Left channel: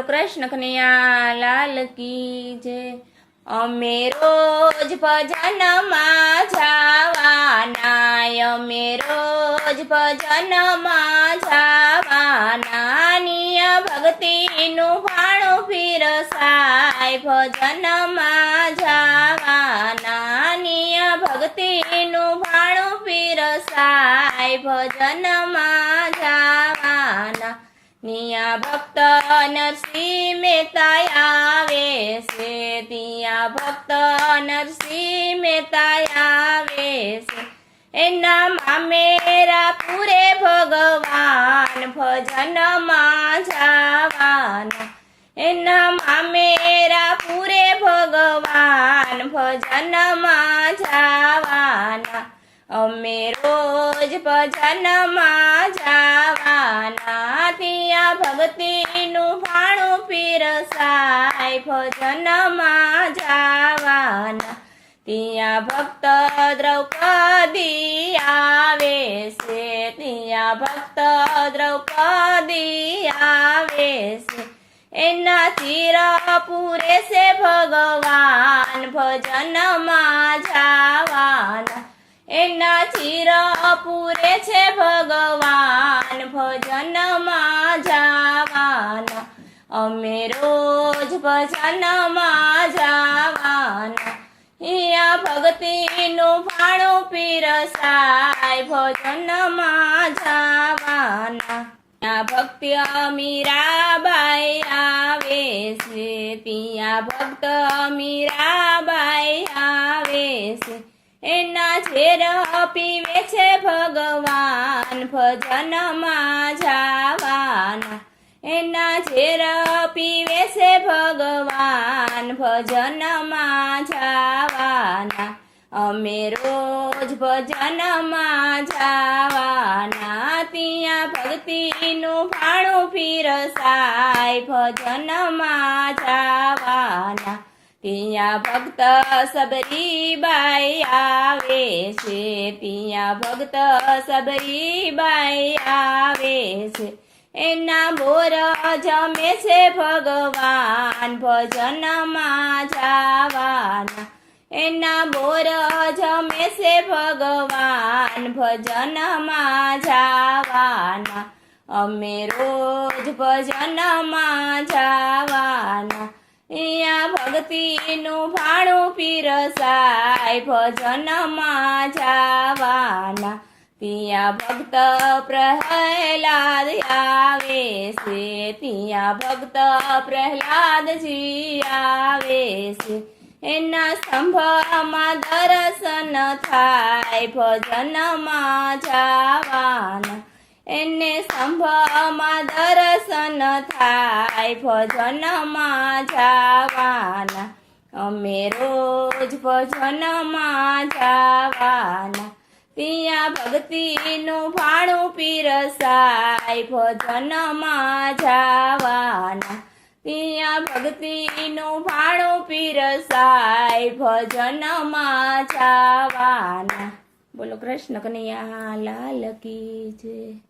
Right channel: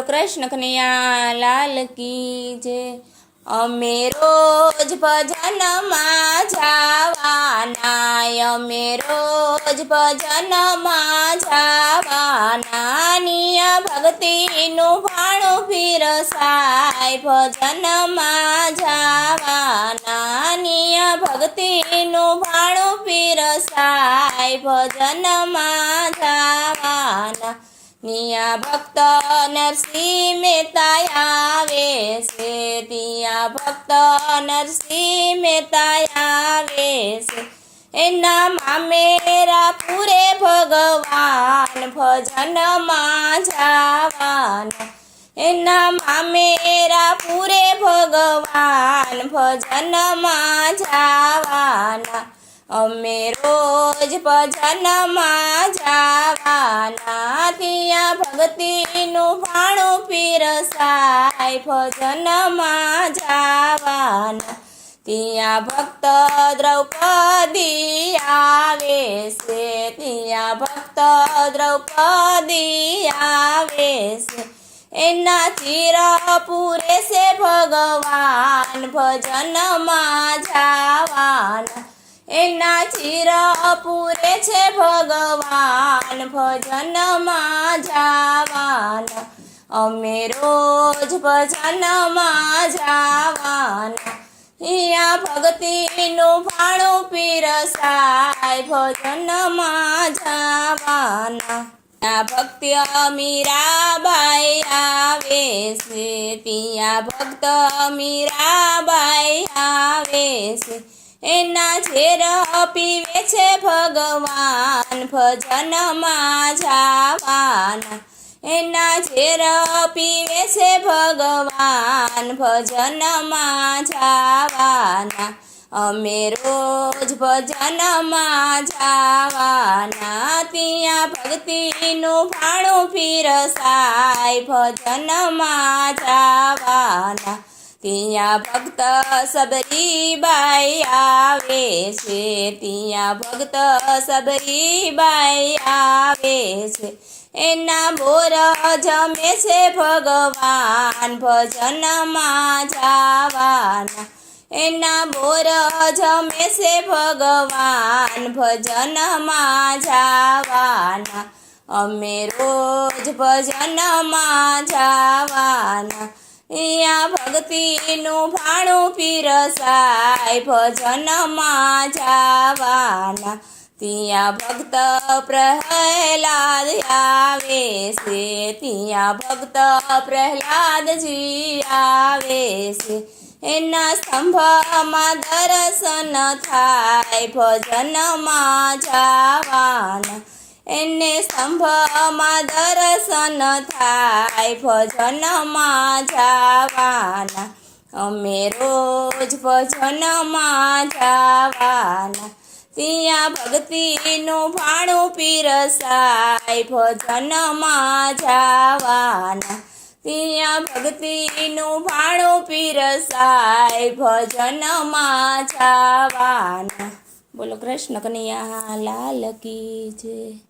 कृष्ण कन्हैया लाल की जय। अमे रोज भजन मां जावाना, अमे रोज भजन मां जावाना, निया भक्ति नु भाणु पीरसाय, भजन मां जावाना, निया भक्ति नु भाणु पीरसाय, भजन मां जावाना। निया भक्त नरसिंह मेहता आवे से, तिया भक्त नरसिंह मेहता आवे से, एना मामेरा पूरे भगवान, भजन मां जावाना, एना मामेरा पूरे भगवान, भजन मां जावाना। अमे रोज भजन मां जावाना, तिया भक्ति नु भाणु पीरसाय, भजन मां जावाना। तिया भक्त द्रौपदी आवे से, तिया भक्त द्रौपदी आवे से, एना चिर पूरे से भगवान, भजन मां जावाना, एना चिर पूरे छे भगवान, भजन मां जावाना। अमे रोज भजन मां जावाना, हिया भक्ति नु भाणु पीरसाय, भजन मां जावाना। तिया भक्ति मीराबाई आवे से, तिया भक्त मीराबाई आवे से, एना झेर पीवे छे भगवान, भजन मां जावाना, एना झेर पीवे छे भगवान, भजन मां जावाना। अमे रोज भजन मां जावाना, तिया भक्ति नु भाणु पीरसाय, भजन मां जावाना। तिया भक्त सबरीबाई आवे से, तिया भक्त सबरीबाई आवे से, एना बोर जमे छे भगवान, भजन मां जावाना, एना बोर जमे छे भगवान, भजन मां जावाना। अमे रोज भजन मां जावाना, इया भक्ति नु भाणु पीरसाय, भजन मां जावाना। तिया भक्त प्रहलाद आवे से, तिया भक्त प्रहलाद जी आवे से, एना स्तंभ मां दर्शन थाय, भजन मां जावाना, एने स्तंभ मां दर्शन थाय, भजन मां जावाना। अमे रोज भजन मां जावाना, तिया भक्ति नु भाणु पीरसाय, भजन मां जावाना, तिया भक्ति नु भाणु पीरसाय, भजन मां जावाना। बोलो कृष्ण कन्हैया लाल की जय।